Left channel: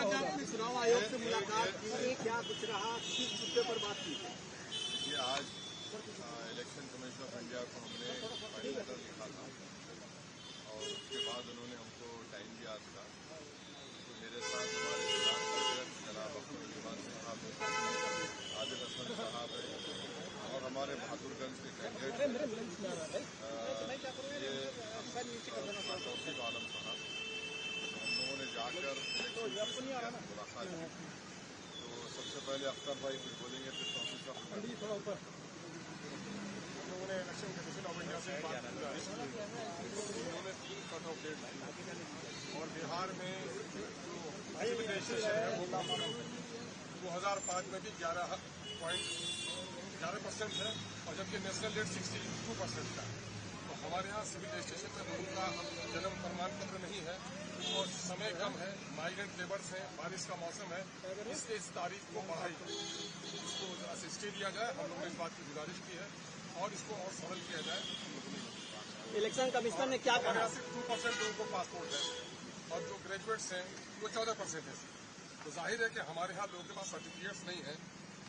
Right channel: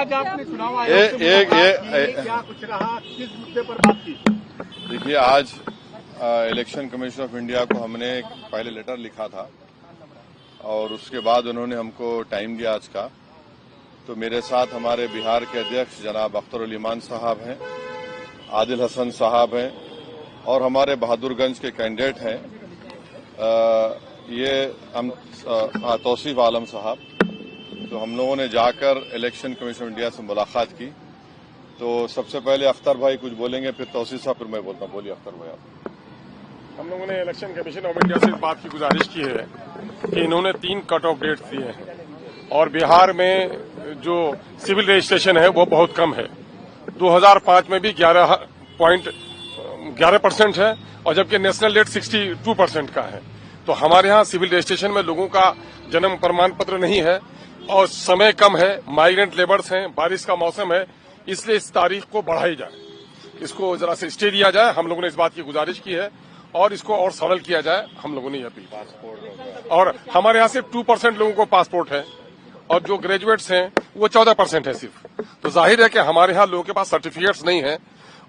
आज आपने चुनाव आयोग से मुलाकात की, क्या कुछ रहा, किस मुद्दे पर बात की? देखिए, आज इलेक्शन कमीशन ऑफ इंडिया को हमने पहले लेटर लिखा था और उसके बाद उन्होंने हमको टाइम दिया आज का। तो मेरे साथ हमारे बिहार के अध्यक्ष जनाब अख्तर उल इमान साहब हैं, आदिल हसन साहब हैं और हमारे बहादुरगंज के कैंडिडेट हैं ये हम तौसीफ आलम साहब। तो हम लोगों ने जाकर इलेक्शन कमीशन ऑफ इंडिया से मुलाकात की। तो सबसे पहले अख्तर भाई कुछ बोलेंगे, फिर तौसीफ साहब, फिर मैं बोलता हूँ। बोलिए अख्तर भाई आप। हम लोगों ने इलेक्शन कमीशन ऑफ इंडिया से इस बात की गुजारिश की है कि इन्होंने 3 कट ऑफ डेट्स दिए हैं और बिहार में जो सिविल रजिस्ट्रेशन है वो बहुत कम है। 2005 में भी 11% है और जबकि नेशनल रेट 62% का है। तो हमारे यहाँ सिविल रजिस्ट्रेशन में लोगों का जन्म प्रमाण पत्र नहीं है और समय कम है, माइग्रेंट लेबर्स हैं, बारिश का मौसम है, इसलिए इस तारीख को बढ़ाई जाए, इसको जरा से स्टे दिया जाए। हम लोगों ने इस बात की गुजारिश की है और इसको और सरल किया जाए, हम लोगों ने यह अपील। और हमारे यहाँ सिर्फ 2% लोगों को पासपोर्ट है और जो ग्रेजुएट्स हैं वो 14% है सिर्फ। तो जाहिर है कि हमारे यहाँ लोगों के पास सर्टिफिकेट्स नहीं है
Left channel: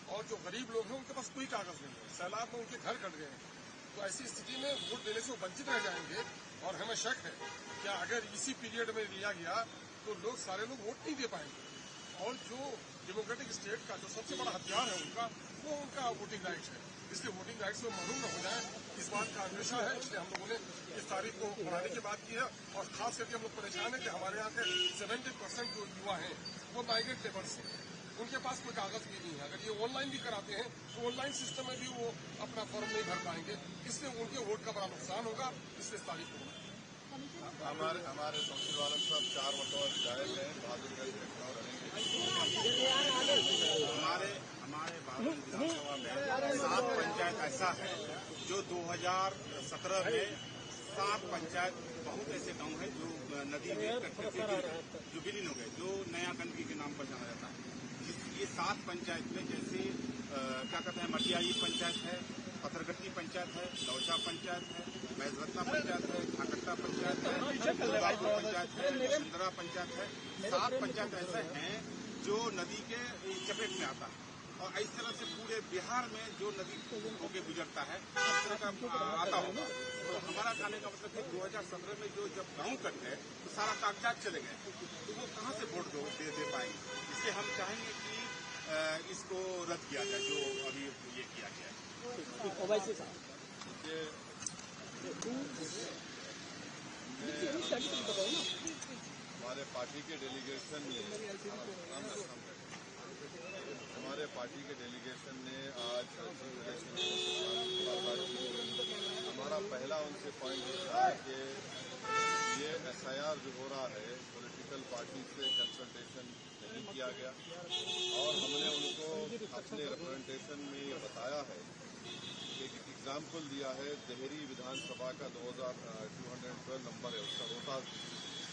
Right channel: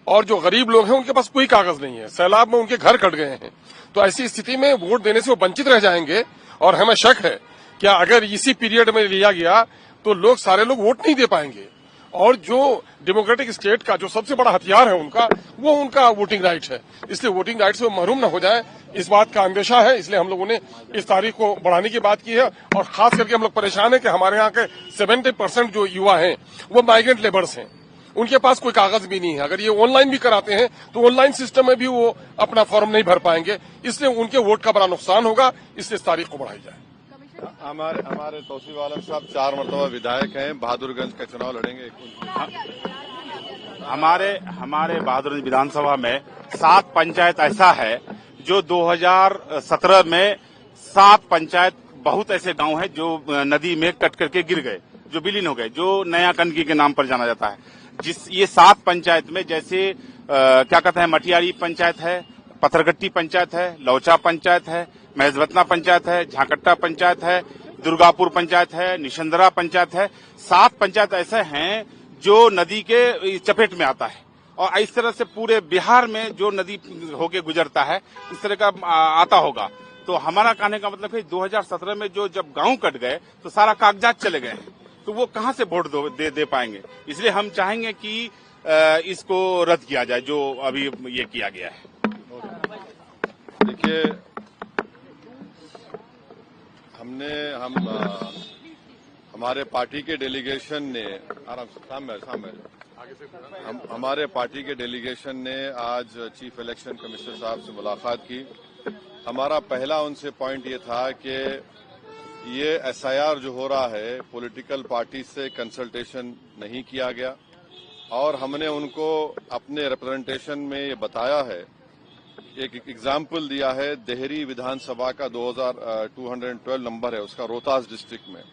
और जो गरीब लोग हैं उनके पास कोई कागज नहीं है, सैलाब में उनके घर कट गए हैं। तो ऐसी स्थिति में वोट देने से वो वंचित रह जाएंगे और हमें शक है कि अगर इसी पीरियड में लिया गया तो लोग सारे लोग वोट नहीं दे पाएंगे और जो डेमोक्रेटिक स्टेट का जो सबसे बड़ा हथियार है उनका वोटिंग राइट है। इसलिए वोटिंग राइट से महरूम न हो जाए, इस बात का अंदेशा है। इसलिए हम लोगों ने इस तारीख को बढ़ाने की बात की है और खास करके हम लोग परेशान है कि हमारे यहाँ के 70% जो युवा हैं वो माइग्रेंट लेबर्स हैं, उनके पास कोई कागज भी नहीं है। अगर ये ऑनलाइन भी कराते हैं तो ऑनलाइन सिस्टम में भी वो अपना फॉर्म नहीं भर पाएंगे, इसलिए उनके वोट का बड़ा नुकसान होगा। इसलिए इस तारीख को बढ़ाई जाए। हमारे तौसीफ आलम साहब 4 मरतबा विधायक हैं, बहादुरगंज का चुनाव लड़ेंगे। हमारे बहादुरगंज विधानसभा में 7 पंचायत ऐसा है जो 2017 में 7 पंचायत बहुत ऐसे गांव हैं जो नदी में कट करके गिर गए, जो विलीन हो गए, जो नया कनकी के नाम पर जाना जाता है। ये 7 पंचायत में जैसे क्या कहते हैं, मटियारी पंचायत है, पत्थरगट्टी पंचायत है, लौचा पंचायत है, महजवतना पंचायत है, झाकट्टा पंचायत है, दुर्गापुर पंचायत है, निशंदरा पंचायत है। 7 पंचायत ऐसे हैं जो नदी के चपेट में आता है और इस तरह से पूरे बिहार में जो नदी होके गुजरता है इस तरह का आता होगा। तो हमारा कहने का मतलब है 2017 में जब गांव कट गए तो सारा कागजात चले गए, तो वो कहां से वोट दे पाएंगे। इसलिए हम चाहेंगे कि इसको रद्द किया जाए जो अभी ये किया गया है। देखिए, हमारे पार्टी के डेलीगेशन ने हमारे पार्टी के डेलीगेशन ने आज चीफ इलेक्शन कमिश्नर साहब से मुलाकात की। हमारा पहला उनसे पॉइंट ये था कि ये एसआईआर जो हो रहा है पॉलिटिकल पार्टी से कंसल्टेशन नहीं किया गया और हमने उनको अपने रिप्रेजेंटेशन में ये बताया है, एक एग्जाम्पल दिया है। देहरी विधानसभा का 2212 नंबर है उसका, रोहतास डिस्ट्रिक्ट में,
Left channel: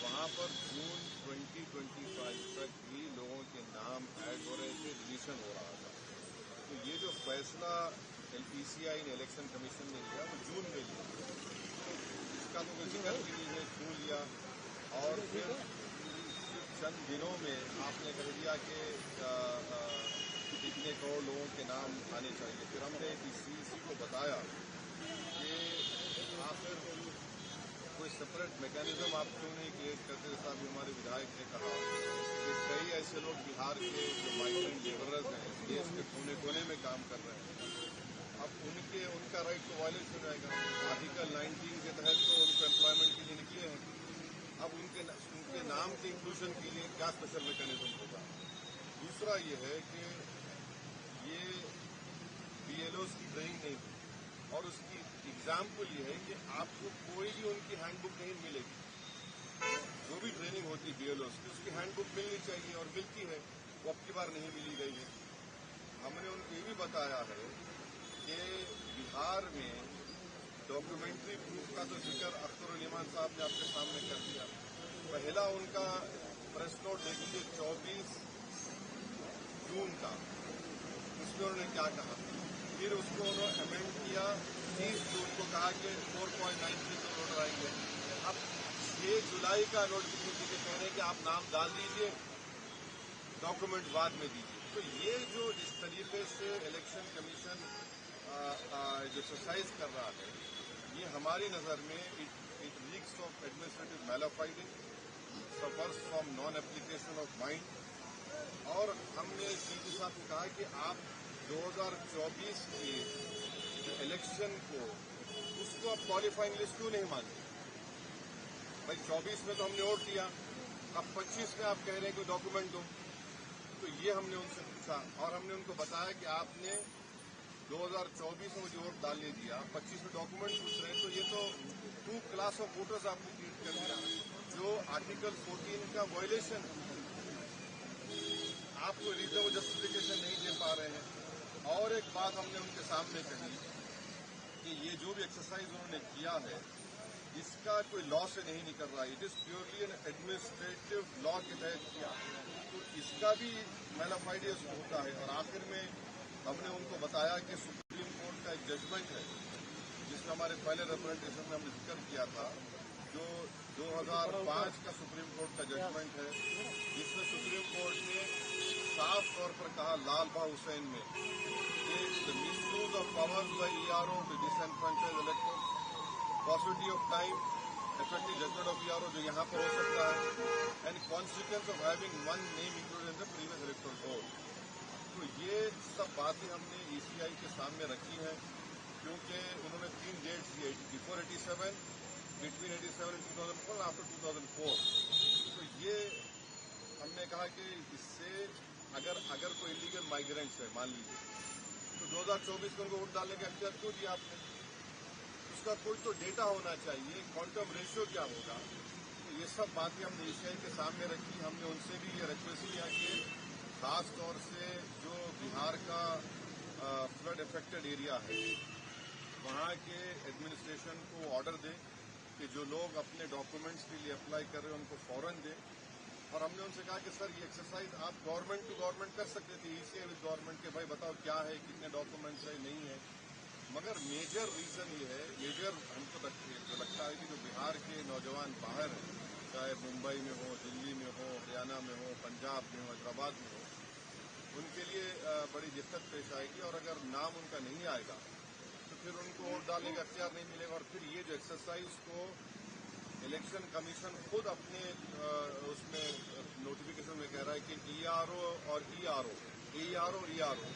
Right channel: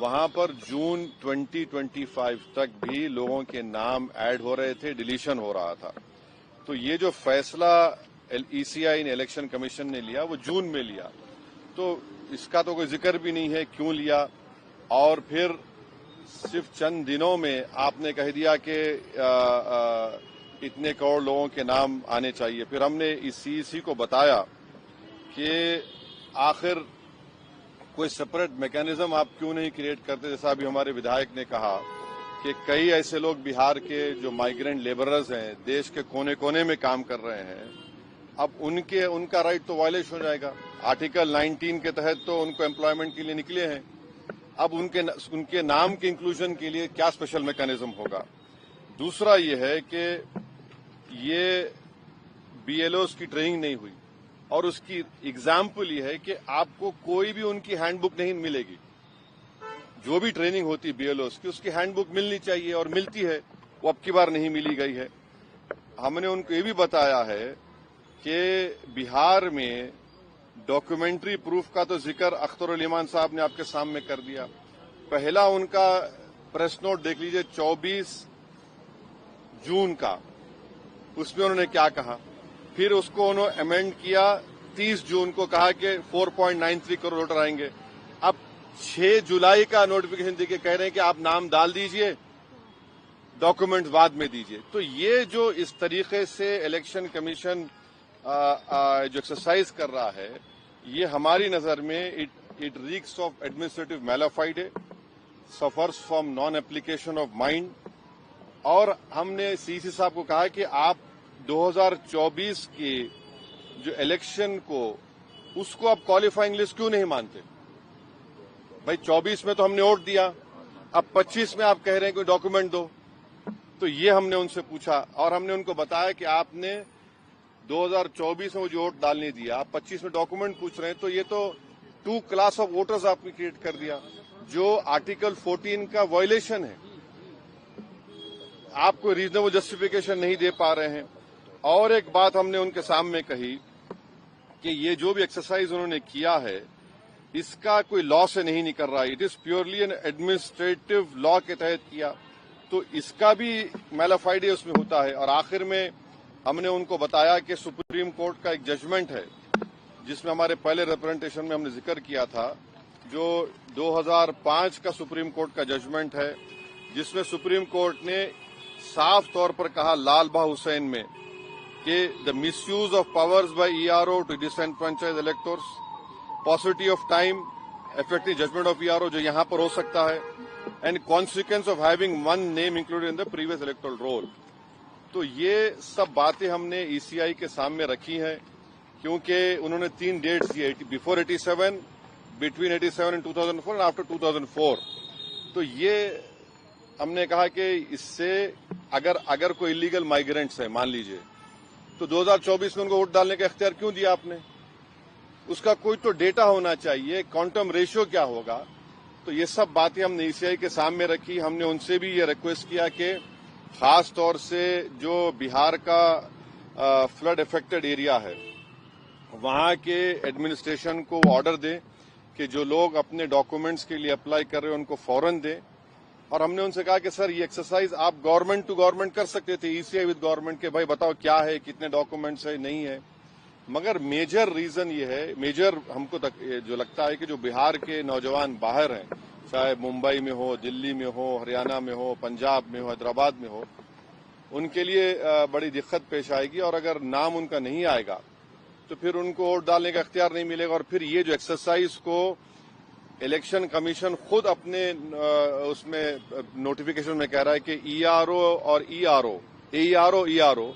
वहां पर जून 2025 तक भी लोगों के नाम ऐड हो रहे थे, डिलीशन हो रहा था। तो ये जो फैसला ईसीआई ने, इलेक्शन कमीशन ने लिया, वो जून में लिया, तो इसका तो कोई जिक्र भी नहीं है क्यों लिया। और फिर सिर्फ चंद दिनों में आपने कह दिया कि इतने करोड़ लोगों के नाम आने चाहिए। फिर हमने इस सीईसी को बताया कि आखिर कोई सेपरेट मैकेनिज्म आप क्यों नहीं क्रिएट करते। जैसा अभी हमारे विधायक ने कहा कि कई ऐसे लोग बिहार के जो माइग्रेंट लेबरर्स हैं, देश के कोने कोने में काम कर रहे हैं, अब उनका राइट तो वायलेशन हो जाएगा। आर्टिकल 19 के तहत तो उनको एम्प्लॉयमेंट के लिए निकले हैं, अब उनके नाम के इंक्लूजन के लिए क्या स्पेशल मैकेनिज्म होगा। दूसरा ये है कि ये बीएलओस की ट्रेनिंग नहीं हुई और उसकी एग्जाम्पल ये है कि आपको कोई भी उनकी हैंडबुक नहीं मिलेगी। जो भी ट्रेनिंग होती है बीएलओस की, उसकी हैंडबुक मिलनी चाहिए और मिलती है, वो अब की बार नहीं मिली गई है। हमने उनको ये भी बताया है कि बिहार में डॉक्यूमेंट्री प्रूफ का तो जिक्र अख्तर उल इमान साहब ने आपके सामने कर दिया। पहला उनका प्रेस नोट देख लीजिए 24 जून का, उसमें उन्होंने क्या कहा। फिर उसको उन्होंने अमेंड किया, 30 जून को कहा कि 4.93 करोड़ वोटर आएंगे। अब 6 जुलाई का नोटिफिकेशन देके कह रहे हैं कि आप नाम डाल दीजिए डॉक्यूमेंट्स बाद में दीजिए। तो ये जो इस तरीके से इलेक्शन कमीशन जो एक्सरसाइज कर रहा है, ये हमारी नजर में it reeks of administrative mala fide, suffers from non application of mind. और हमने सीसी साहब को कहा कि आप 2024 के जो इलेक्शन को उसको आप क्वालिफाइंग लिस्ट क्यों नहीं मानते? भाई 24 में तो हमने वोट दिया, अब 25 में आप कह रहे हैं कोई डॉक्यूमेंट दो। तो ये हमने उनसे पूछा और हमने उनको बताया कि आपने 2024 में जो वोट डालने दिया, आप 25 में डॉक्यूमेंट पूछ रहे हैं, तो ये तो 2 क्लास ऑफ वोटर्स आपने क्रिएट कर दिया, जो आर्टिकल 14 का वायलेशन है। आप कोई रीजनेबल जस्टिफिकेशन नहीं दे पा रहे हैं। और एक बात हमने उनके सामने कही कि ये जो भी एक्सरसाइज उन्होंने किया है, इसका कोई लॉ से नहीं निकल रहा है, it is purely N administrative law के तहत किया, तो इसका भी मैलाफाइडे उसमें होता है। और आखिर में हमने उनको बताया कि सुप्रीम कोर्ट का एक जजमेंट है, जिसमें हमारे पहले रिप्रेजेंटेशन में हमने जिक्र किया था, जो 2005 का सुप्रीम कोर्ट का जजमेंट है, जिसमें सुप्रीम कोर्ट ने साफ तौर पर कहा लाल बहा हुसैन में कि the misuse of powers by ERO to disenfranchise electors, possibility of time, effective judgment of ERO जो यहां पर हो सकता है, and consequence of having one name included in the previous electoral roll. तो ये सब बातें हमने ईसीआई के सामने रखी हैं, क्योंकि उन्होंने 3 डेट्स दिए, before 87, between 87 and 2004 and after 2004। तो ये हमने कहा कि इससे अगर कोई इलीगल माइग्रेंट्स है, मान लीजिए, तो 2024 में उनको वोट डालने का इख्तियार क्यों दिया आपने? उसका कोई तो डेटा होना चाहिए, क्वांटम रेशियो क्या होगा। तो ये सब बातें हमने ईसीआई के सामने रखी। हमने उनसे भी ये रिक्वेस्ट किया कि खास तौर से जो बिहार का फ्लड इफेक्टेड एरिया है, वहां के एडमिनिस्ट्रेशन को ऑर्डर दें कि जो लोग अपने डॉक्यूमेंट्स के लिए अप्लाई कर रहे हैं उनको फौरन दें। और हमने उनसे कहा कि सर ये एक्सरसाइज आप गवर्नमेंट टू गवर्नमेंट कर सकते थे, ईसीआई विद गवर्नमेंट, के भाई बताओ क्या है, कितने डॉक्यूमेंट्स है, नहीं है। मगर मेजर रीजन ये है, मेजर हमको जो लगता है कि जो बिहार के नौजवान बाहर हैं, चाहे मुंबई में हो, दिल्ली में हो, हरियाणा में हो, पंजाब में हो, हैदराबाद में हो, उनके लिए बड़ी दिक्कत पेश आएगी। और अगर नाम उनका नहीं आएगा तो फिर उनको वोट डालने का इख्तियार नहीं मिलेगा। और फिर ये जो एक्सरसाइज को इलेक्शन कमीशन खुद अपने उसमें नोटिफिकेशन में कह रहा है कि ईआरओ और ईआरओ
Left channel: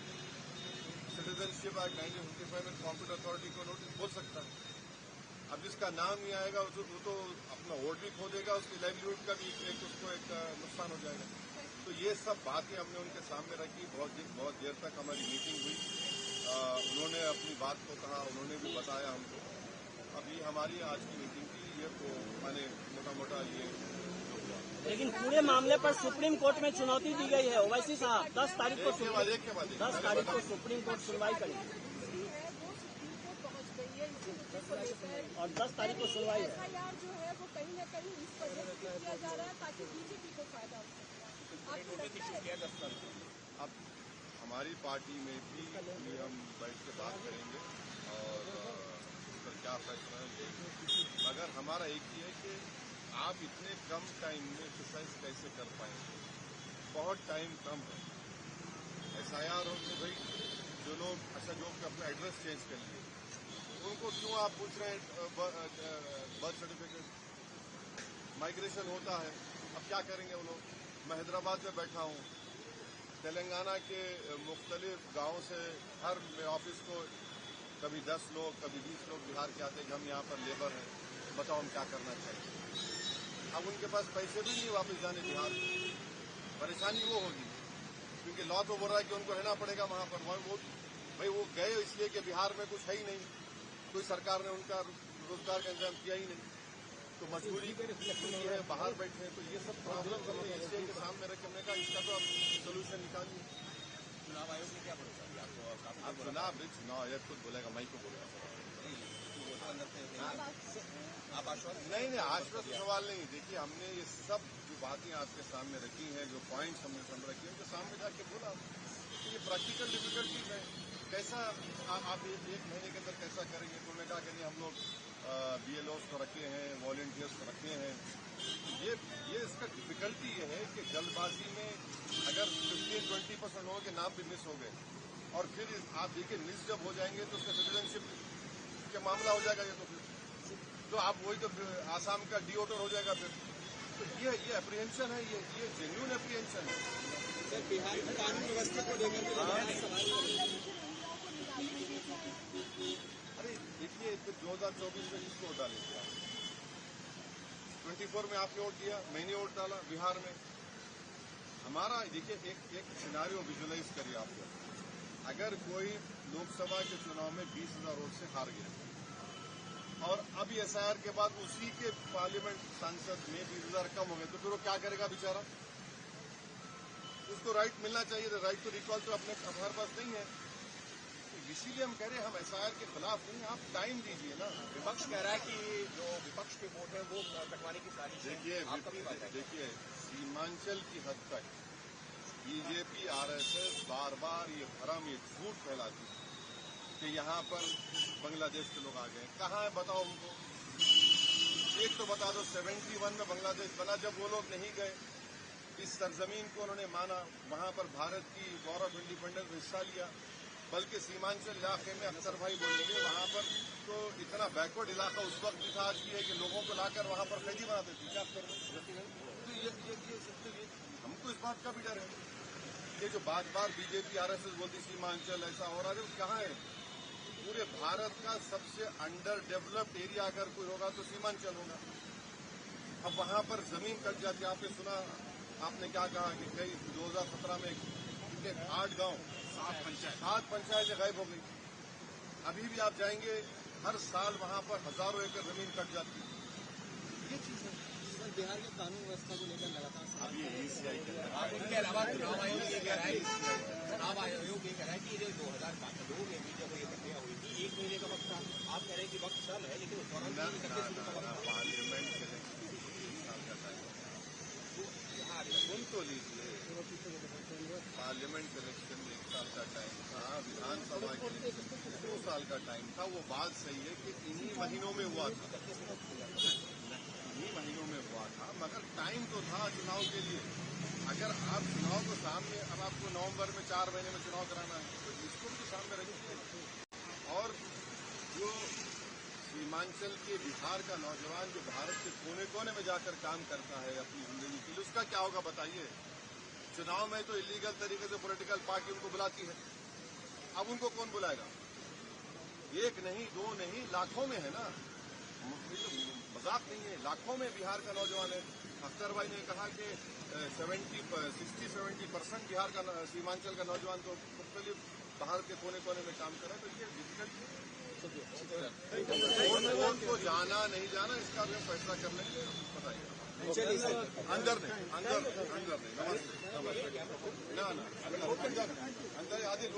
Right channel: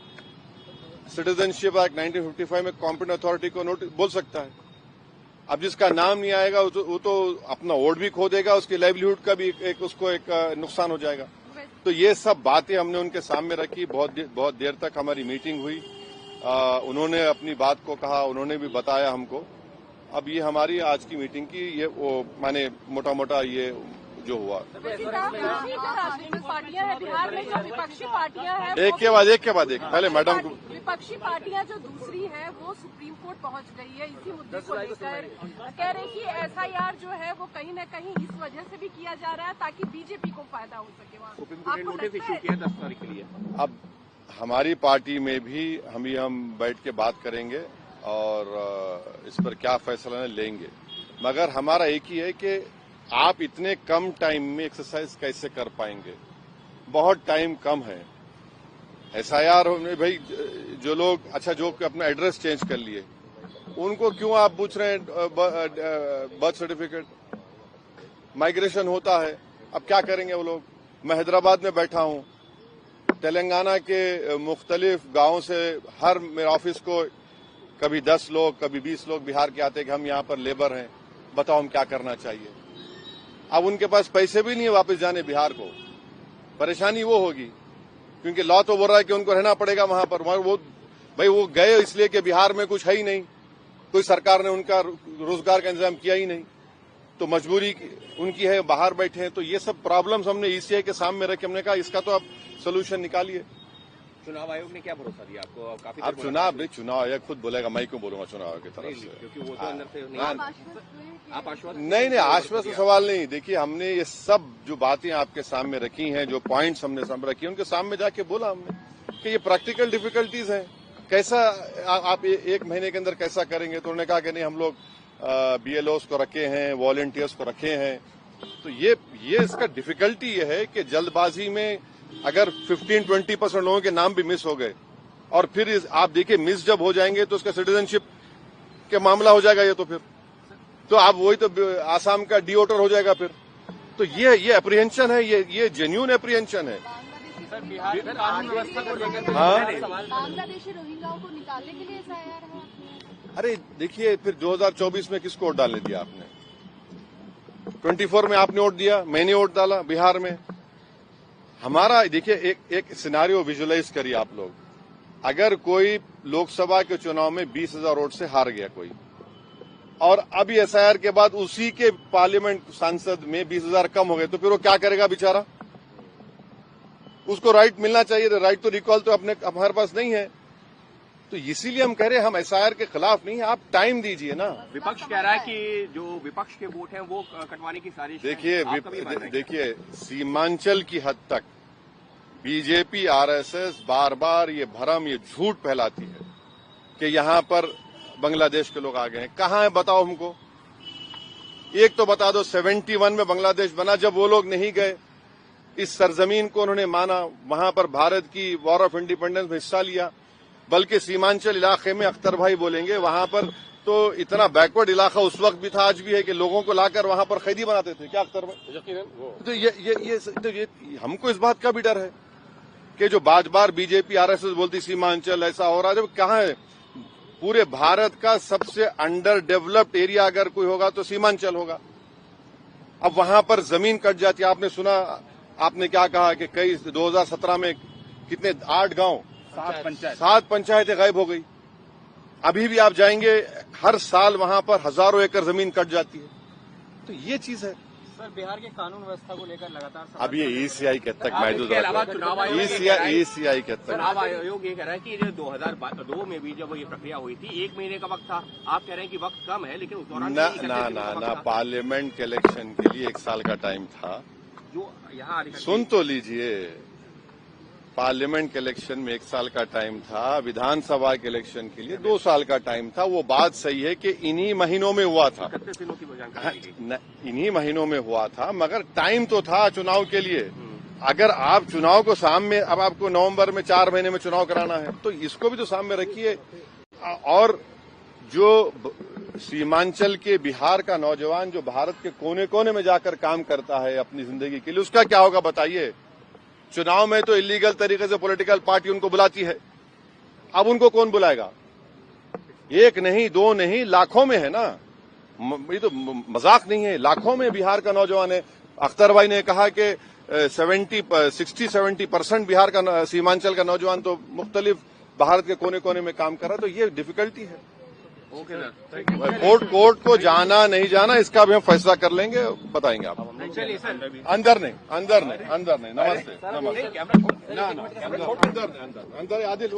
सिटीजनशिप एक्ट 1955 में कॉम्पिटेंट अथॉरिटी को बोल सकता है। अब जिसका नाम नहीं आएगा वो तो अपना वोट भी खो देगा, उसकी लाइवलीहुड का भी उसको एक नुकसान हो जाएगा। तो ये सब बातें हमने उनके सामने रखी। बहुत देर तक हमारी मीटिंग हुई, उन्होंने अपनी बात को कहा, उन्होंने भी बताया हमको। अब ये हमारी आज की मीटिंग की ये वो माने मोटा मोटा ये जो हुआ। एक के बाद एक पहले मैडम को। विपक्षी पार्टियां जो दूसरी है वो सुप्रीम कोर्ट पहुंच गई है इसी मुद्दे को लेकर, कह रही कि एसआईआर जो है वो कहीं न कहीं इस वजह से भी किया जा रहा है ताकि बीजेपी को फायदा हो सके। अब हमारी पार्टी में भी हम बैठ के बात करेंगे और इस पर क्या फैसला लेंगे। मगर हमारा एक ही है कि आप इतने कम टाइम में एक्सरसाइज कैसे कर पाएंगे? बहुत टाइम कम है। एसआईआर में भाई जो लोग जो अपना एड्रेस चेंज कर लिए उनको क्यों आप पूछ रहे हैं बर्थ सर्टिफिकेट? माइग्रेशन होता है, अब क्या करेंगे वो लोग? मैं हैदराबाद में बैठा हूं, तेलंगाना के मुख्तलिफ गांवों से हर मेरे ऑफिस को कभी 10 लोग कभी 20 लोग बिहार के आते हैं कि हम यहाँ पर लेबर हैं, बताओ हम क्या करना चाहिए। अब उनके पास पैसे भी नहीं है वापस जाने बिहार को। परेशानी वो होगी क्योंकि लॉ तो बोल रहा है कि उनको रहना पड़ेगा वहां पर। वो गए इसलिए कि बिहार में कुछ है ही नहीं, कोई सरकार ने उनका रोजगार का इंतजाम किया ही नहीं, तो मजबूरी उनकी है, बाहर बैठे हैं। तो ये सब प्रॉब्लम्स हमने ईसीआई के सामने रख के हमने कहा इसका तो आप सोल्यूशन निकालिए। चुनाव आयोग ने क्या भरोसा दिया आपको? काफी अब चुनाव आयोग खुद बोलेगा, मैं क्यों बोलूंगा चुनाव आयोग की तरफ से? क्योंकि वो तो अंदर से आप आश्वस्त नहीं आश्वस्त सवाल नहीं। देखिए हमने ये सब जो बातें आपके सामने रखी हैं, जो पॉइंट्स हमने सामने रखी हैं, उनके सामने जाके बोला हमने कि ये प्रैक्टिकल डिफिकल्टीज हैं, कैसा आप 1 महीने के अंदर कैसा करेंगे? तो उन्होंने कहा कि नहीं हम लोग बीएलओस को रखे हैं, वॉलंटियर्स को रखे हैं। तो ये इसका डिफिकल्टी ये है कि जल्दबाजी में अगर 15-20% लोगों के नाम भी मिस हो गए और फिर आप देखिए मिस जब हो जाएंगे तो उसका सिटीजनशिप के मामला हो जाएगा ये, तो आप वही तो आसाम का डिओटर हो जाएगा फिर। तो ये अप्रीहेंशन है, ये जेन्युइन अप्रीहेंशन है। कानून व्यवस्था को लेकर हाँ, बांग्लादेशी रोहिंग्याओं को निकालने के लिए एसआईआर है। अरे देखिए फिर 2024 में किसको वोट डालने दिया आपने? 24 में आपने वोट दिया, मैंने वोट डाला बिहार में। हमारा देखिए एक सिनारियो विजुअलाइज करिए आप लोग। अगर कोई लोकसभा के चुनाव में 20,000 वोट से हार गया कोई, और अभी एसआईआर के बाद उसी के पार्लियामेंट सांसद में 20,000 कम हो गए, तो फिर वो क्या करेगा बेचारा? उसको राइट मिलना चाहिए, राइट तो रिकॉल तो हमारे पास नहीं है। तो इसीलिए हम कह रहे हैं हम एसआईआर के खिलाफ नहीं है, आप टाइम दीजिए ना। विपक्ष कह रहा है कि जो विपक्ष के वोट हैं वो कटवाने की साजिश है। देखिए सीमांचल की हद तक बीजेपी आरएसएस बार बार ये भ्रम, ये झूठ फैलाती है कि यहां पर बांग्लादेश के लोग आ गए हैं। कहां है बताओ हमको, एक तो बता दो। 71 में बांग्लादेश बना, जब वो लोग नहीं गए, इस सरजमीन को उन्होंने माना, वहां पर भारत की वॉर ऑफ इंडिपेंडेंस में हिस्सा लिया। बल्कि सीमांचल इलाके में अख्तर भाई बोलेंगे वहां पर तो इतना बैकवर्ड इलाका उस वक्त भी था, आज भी है, कि लोगों को लाकर वहां पर कैदी बनाते थे। क्या अख्तर भाई? तो ये हमको इस बात का भी डर है कि जो बार बार बीजेपी आरएसएस बोलती सीमांचल ऐसा हो रहा है, जब कहां है? पूरे भारत का सबसे अंडर डेवलप्ड एरिया अगर कोई होगा तो सीमांचल होगा। अब वहां पर जमीन कट जाती है। आपने सुना, आपने क्या कहा कि कई 2017 में कितने 8 गांव 7 पंचायतें गायब हो गई। अभी भी आप जाएंगे, हर साल वहां पर हजारों एकड़ जमीन कट जाती है। तो ये चीज है सर। बिहार के कानून व्यवस्था को लेकर लगातार अब ये ईसीआई के तक मैं इसके अलावा चुनाव आयोग ईसीआई के तक चुनाव आयोग ये कह रहा है कि जो 2002 में भी जब ये प्रक्रिया हुई थी 1 महीने का वक्त था। आप कह रहे हैं कि वक्त कम है, लेकिन उस दौरान ना पार्लियामेंट के इलेक्शन के लिए 1 साल का टाइम था। जो यहाँ सुन तो लीजिए, पार्लियामेंट के इलेक्शन में 1 साल का टाइम था, विधानसभा के इलेक्शन के लिए 2 साल का टाइम था। वो बात सही है कि इन्हीं महीनों में हुआ था, इन्हीं महीनों में हुआ था, मगर टाइम तो था चुनाव के लिए। अगर आप चुनाव को सामने, अब आपको नवंबर में 4 महीने में चुनाव कराना है, तो इसको भी तो सामने रखिए। और जो सीमांचल के बिहार का नौजवान जो भारत के कोने कोने में जाकर काम करता है अपनी जिंदगी के लिए, उसका क्या होगा बताइए? चुनाव में तो इलीगल तरीके से पॉलिटिकल पार्टी उनको बुलाती है, अब उनको कौन बुलाएगा? 1 नहीं 2 नहीं, लाखों में है ना। ये तो मजाक नहीं है, लाखों में बिहार का नौजवान है। अख्तर भाई ने कहा कि 60-70% बिहार का सीमांचल का नौजवान तो मुख्तलिफ भारत के कोने कोने में काम कर रहा है। तो ये डिफिकल्टी है। कोर्ट को जाना नहीं जाना इसका भी हम फैसला कर लेंगे, बताएंगे आप। अंदर नहीं नमस्ते ना अंदर आदिल